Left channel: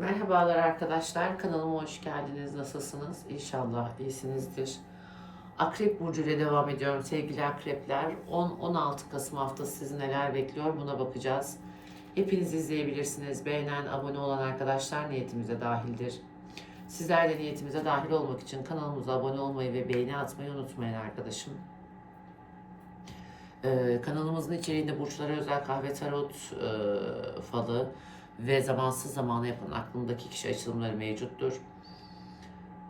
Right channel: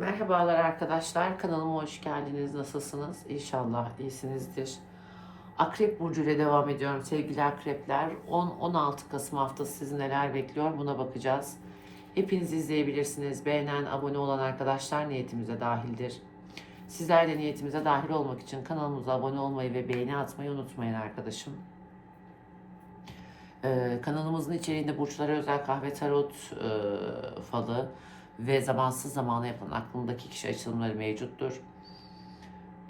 Merhabalar arkadaşlar. Kanalıma hoş geldiniz. Nasılsınız? İnşallah iyisinizdir. Akrep Burcu ile devam ediyorum sevgili akrepler. 10-16 Kasım haftası sizi neler bekliyor buna bakacağız. Hepiniz izleyebilirsiniz. Beğenen, abone olan arkadaşlar niyetimize dahildir. Sizler de niyetimize dahil olmak için kanalımıza abone olmayı ve beğeni atmayı unutmayın arkadaşım. Ee, kanalımızın içeriğinde burçlara özel kahve tarot e, falı ve zamansız zamana yapılan aklımdaki kişi açılımları mevcuttur.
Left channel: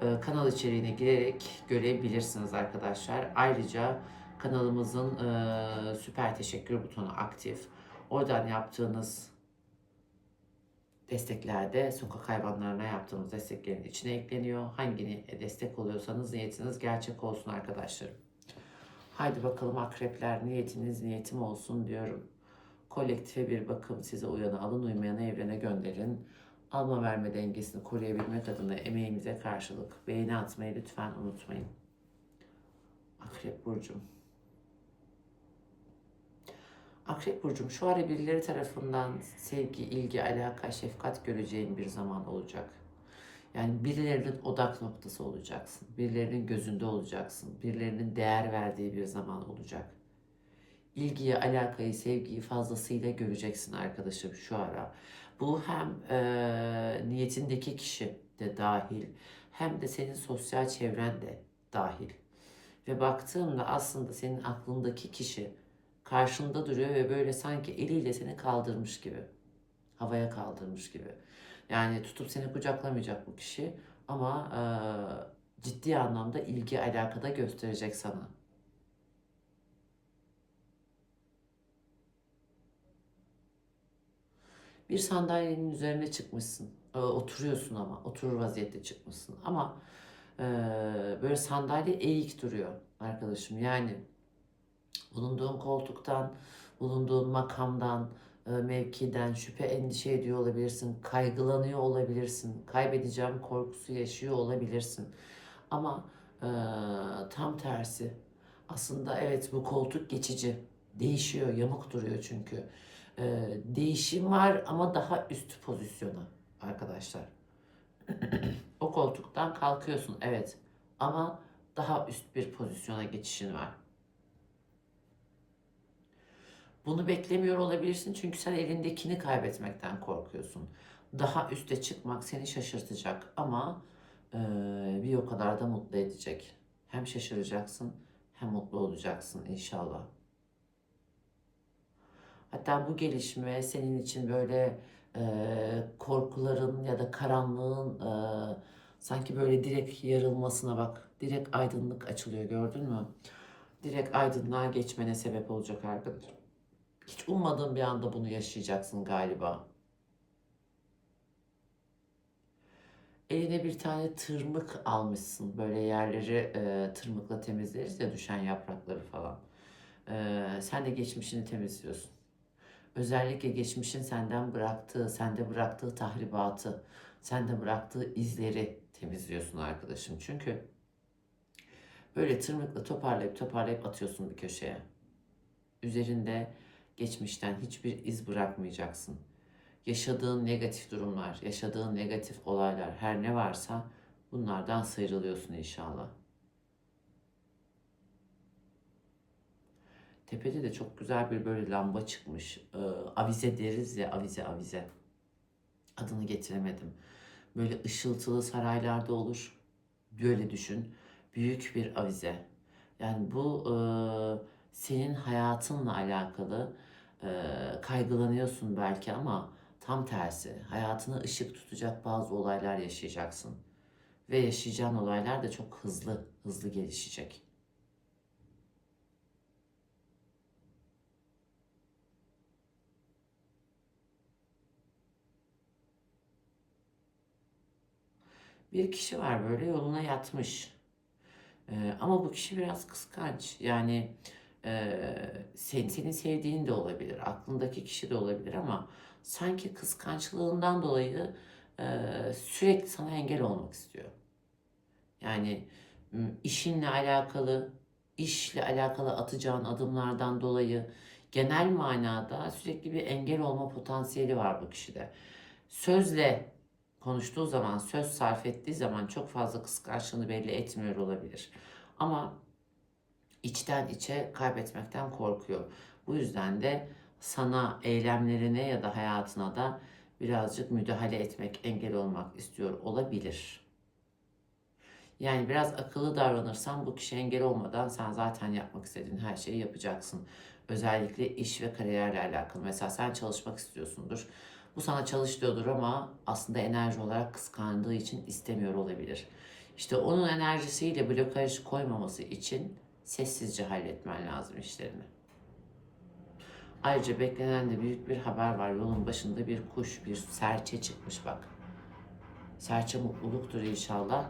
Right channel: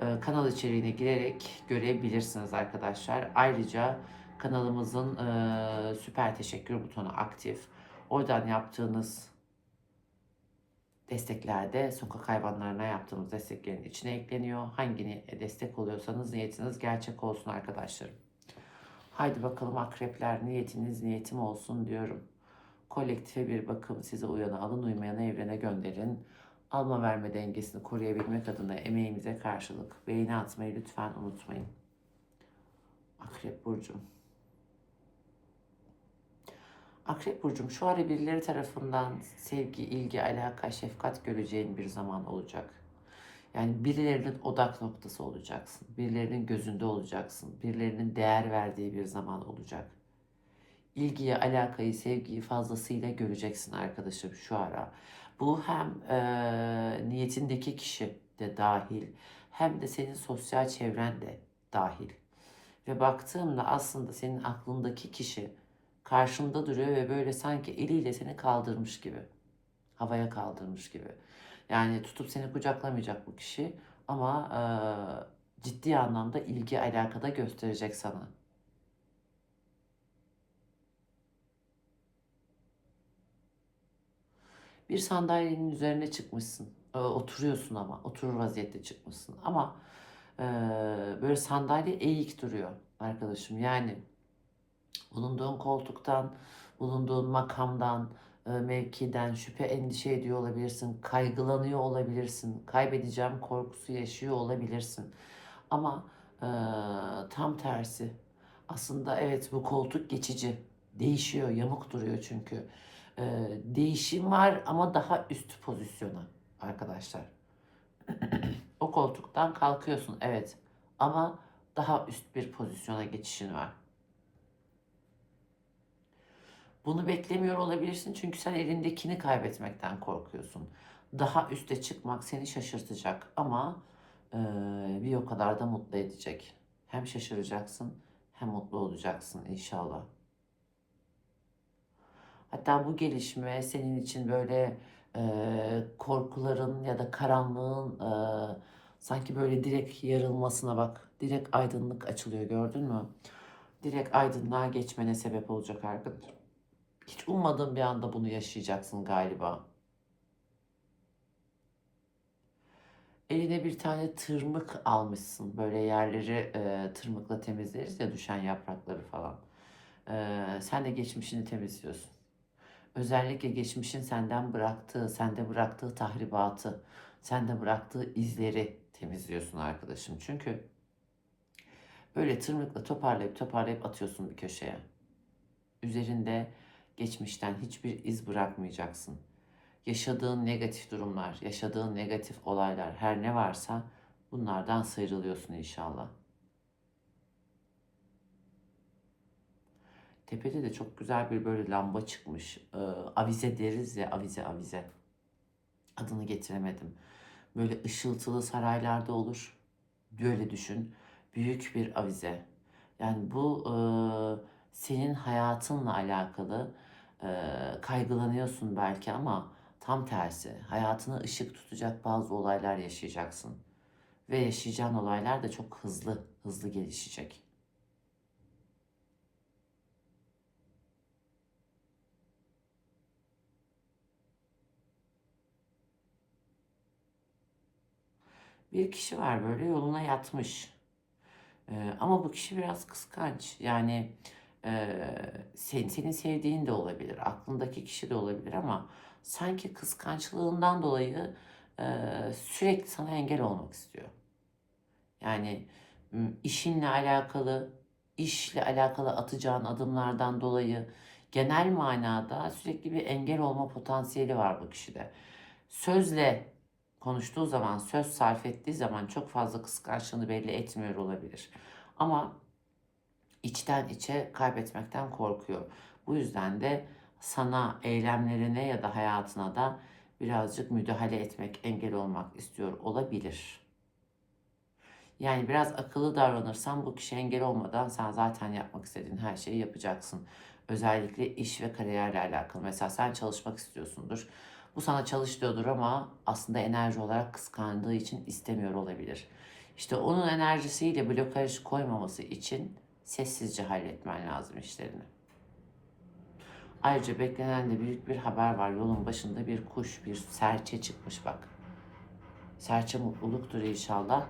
Ee, kanal içeriğine girerek görebilirsiniz arkadaşlar. Ayrıca kanalımızın e, süper teşekkür butonu aktif. Oradan yaptığınız desteklerde sokak hayvanlarına yaptığımız desteklerin içine ekleniyor. Hangini destek oluyorsanız niyetiniz gerçek olsun arkadaşlarım. Haydi bakalım akrepler niyetiniz niyetim olsun diyorum. Kolektife bir bakım size uyanı alın uymayanı evrene gönderin. Alma verme dengesini koruyabilmek adına emeğimize karşılık beğeni atmayı lütfen unutmayın. Akrep Burcu'm. Akrep Burcu'm şu ara birileri tarafından sevgi, ilgi, alaka, şefkat göreceğin bir zaman olacak. Yani birilerinin odak noktası olacaksın. Birilerinin gözünde olacaksın. Birilerinin değer verdiği bir zaman olacak. İlgiyi, alakayı, sevgiyi fazlasıyla göreceksin arkadaşım şu ara. Bu hem e, niyetindeki kişi de dahil hem de senin sosyal çevren de dahil. Ve baktığımda aslında senin aklındaki kişi karşında duruyor ve böyle sanki eliyle seni kaldırmış gibi. Havaya kaldırmış gibi. Yani tutup seni kucaklamayacak bu kişi ama e, ciddi anlamda ilgi alakada gösterecek sana. Bir sandalyenin üzerine çıkmışsın. E, oturuyorsun ama. Oturur vaziyette çıkmışsın. Ama e, böyle sandalye eğik duruyor arkadaşım. Yani bulunduğun koltuktan, bulunduğun makamdan, e, mevkiden şüphe endişe ediyor olabilirsin. Kaygılanıyor olabilirsin. Kaybedeceğim korkusu yaşıyor olabilirsin. Ama e, tam tersi. Aslında evet bu koltuk geçici. Değişiyor, yamuk duruyor çünkü. E, değişim var ama daha üst pozisyona arkadaşlar. o koltuktan kalkıyorsun evet ama daha üst bir pozisyona geçişin var. Bunu beklemiyor olabilirsin çünkü sen elindekini kaybetmekten korkuyorsun. Daha üste çıkmak seni şaşırtacak ama e, bir o kadar da mutlu edecek. Hem şaşıracaksın hem mutlu olacaksın inşallah. Hatta bu gelişme senin için böyle e, korkuların ya da karanlığın e, sanki böyle direkt yarılmasına bak. Direkt aydınlık açılıyor gördün mü? Direkt aydınlığa geçmene sebep olacak arkadaşlar. Hiç ummadığın bir anda bunu yaşayacaksın galiba. Eline bir tane tırmık almışsın. Böyle yerleri e, tırmıkla temizleriz ya düşen yaprakları falan. E, sen de geçmişini temizliyorsun. Özellikle geçmişin senden bıraktığı, sende bıraktığı tahribatı, sende bıraktığı izleri temizliyorsun arkadaşım. Çünkü böyle tırmıkla toparlayıp toparlayıp atıyorsun bir köşeye. Üzerinde geçmişten hiçbir iz bırakmayacaksın. Yaşadığın negatif durumlar, yaşadığın negatif olaylar her ne varsa bunlardan sıyrılıyorsun inşallah. Tepede de çok güzel bir böyle lamba çıkmış. Ee, avize deriz ya avize avize. Adını getiremedim. Böyle ışıltılı saraylarda olur. Böyle düşün. Büyük bir avize. Yani bu e, senin hayatınla alakalı e, kaygılanıyorsun belki ama tam tersi. Hayatına ışık tutacak bazı olaylar yaşayacaksın. Ve yaşayacağın olaylar da çok hızlı, hızlı gelişecek. Bir kişi var böyle yoluna yatmış. Ee, ama bu kişi biraz kıskanç. Yani e, sen, senin sevdiğin de olabilir. Aklındaki kişi de olabilir ama sanki kıskançlığından dolayı e, sürekli sana engel olmak istiyor. Yani işinle alakalı, işle alakalı atacağın adımlardan dolayı genel manada sürekli bir engel olma potansiyeli var bu kişide. Sözle konuştuğu zaman, söz sarf ettiği zaman çok fazla kıskançlığını belli etmiyor olabilir. Ama içten içe kaybetmekten korkuyor. Bu yüzden de sana eylemlerine ya da hayatına da birazcık müdahale etmek, engel olmak istiyor olabilir. Yani biraz akıllı davranırsan bu kişi engel olmadan sen zaten yapmak istediğin her şeyi yapacaksın. Özellikle iş ve kariyerle alakalı. Mesela sen çalışmak istiyorsundur. Bu sana çalış diyordur ama aslında enerji olarak kıskandığı için istemiyor olabilir. İşte onun enerjisiyle blokaj koymaması için sessizce halletmen lazım işlerini. Ayrıca beklenen de büyük bir haber var. Yolun başında bir kuş, bir serçe çıkmış bak. Serçe mutluluktur inşallah.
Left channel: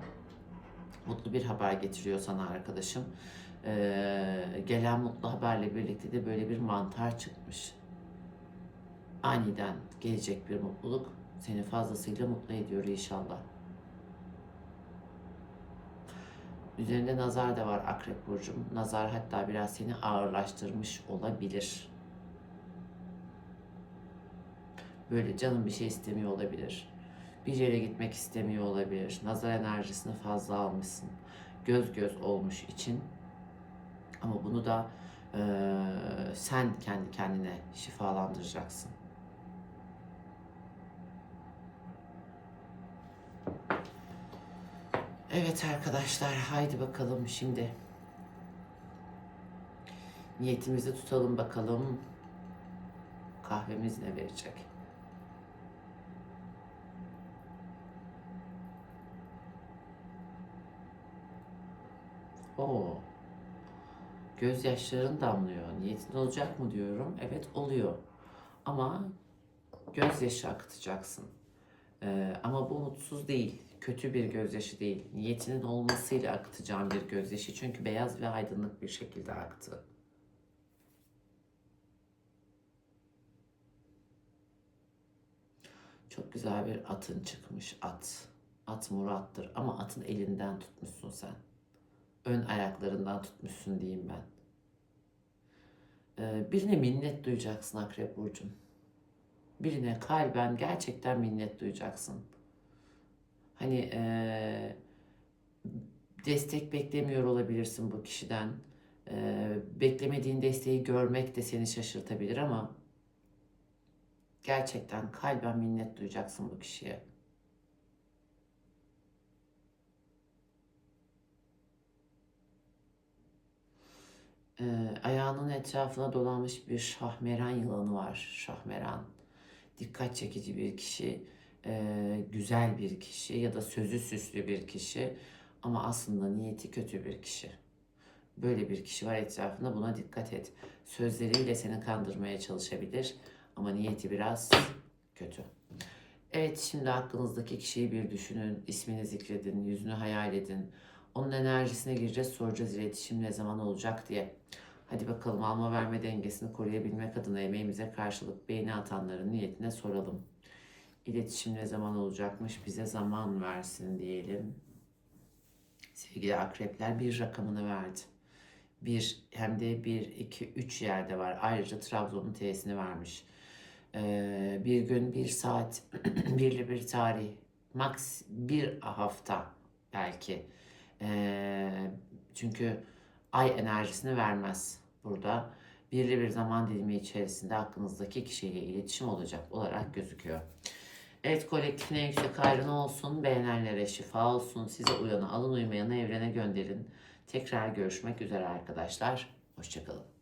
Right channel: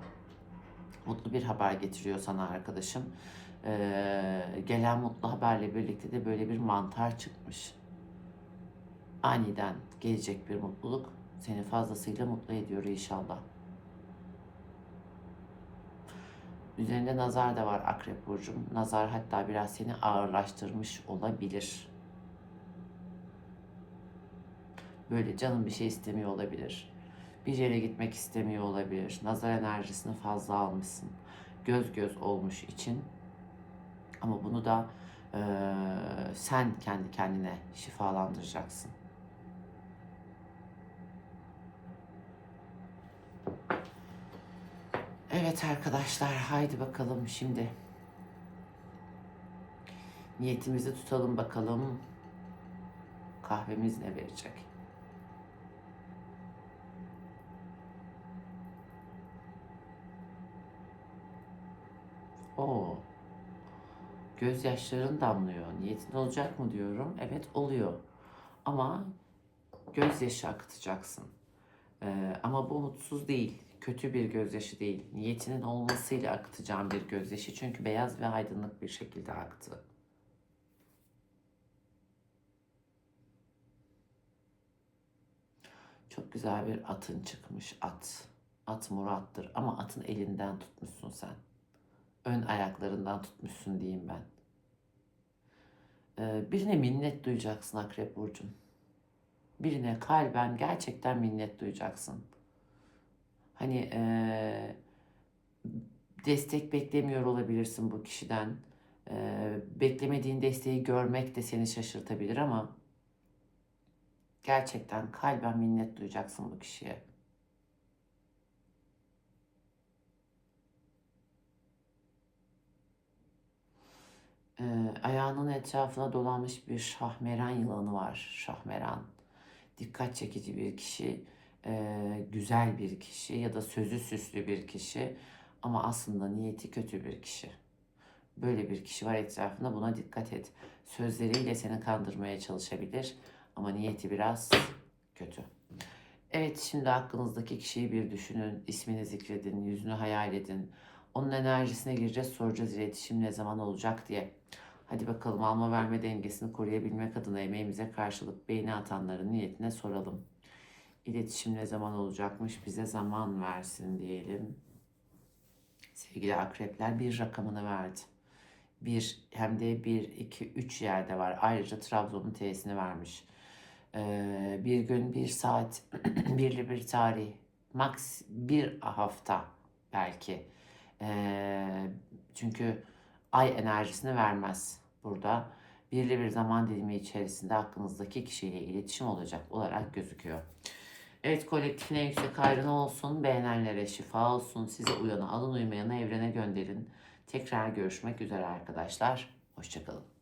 Mutlu bir haber getiriyor sana arkadaşım. Ee, gelen mutlu haberle birlikte de böyle bir mantar çıkmış. Aniden gelecek bir mutluluk seni fazlasıyla mutlu ediyor inşallah. Üzerinde nazar da var Akrep Burcu'm. Nazar hatta biraz seni ağırlaştırmış olabilir. Böyle canın bir şey istemiyor olabilir. Bir yere gitmek istemiyor olabilir. Nazar enerjisini fazla almışsın. Göz göz olmuş için. Ama bunu da eee, sen kendi kendine şifalandıracaksın. Evet arkadaşlar haydi bakalım şimdi. Niyetimizi tutalım bakalım. Kahvemiz ne verecek? Oo. Gözyaşların damlıyor. Niyetin olacak mı diyorum. Evet oluyor. Ama gözyaşı akıtacaksın. Ee, ama bu mutsuz değil. Kötü bir gözyaşı değil. Niyetinin olmasıyla akıtacağım bir gözyaşı. Çünkü beyaz ve aydınlık bir şekilde aktı. Çok güzel bir atın çıkmış at. At Murat'tır ama atın elinden tutmuşsun sen. Ön ayaklarından tutmuşsun diyeyim ben. Ee, birine minnet duyacaksın Akrep Burcu'm. Birine kalben gerçekten minnet duyacaksın. Hani eee, destek beklemiyor olabilirsin bu kişiden. Eee, beklemediğin desteği görmek de seni şaşırtabilir ama gerçekten kalben minnet duyacaksın bu kişiye. Ayağının etrafına dolanmış bir şahmeran yılanı var. Şahmeran. Dikkat çekici bir kişi, eee, güzel bir kişi ya da sözü süslü bir kişi ama aslında niyeti kötü bir kişi. Böyle bir kişi var etrafında buna dikkat et. Sözleriyle seni kandırmaya çalışabilir ama niyeti biraz kötü. Evet şimdi aklınızdaki kişiyi bir düşünün, ismini zikredin, yüzünü hayal edin. Onun enerjisine gireceğiz, soracağız iletişim ne zaman olacak diye. Hadi bakalım alma verme dengesini koruyabilmek adına emeğimize karşılık beğeni atanların niyetine soralım. İletişim ne zaman olacakmış bize zaman versin diyelim. Sevgili akrepler bir rakamını verdi. Bir hem de bir, iki, üç yerde var. Ayrıca Trabzon'un T'sini vermiş. Ee, bir gün, bir saat, birli bir tarih, max bir hafta belki. Ee, çünkü ay enerjisini vermez burada. Birli bir zaman dilimi içerisinde aklınızdaki kişiyle iletişim olacak olarak gözüküyor. Evet kolektifine yüksek ayrına olsun, beğenenlere şifa olsun, size uyanı alın uymayanı evrene gönderin. Tekrar görüşmek üzere arkadaşlar. Hoşçakalın.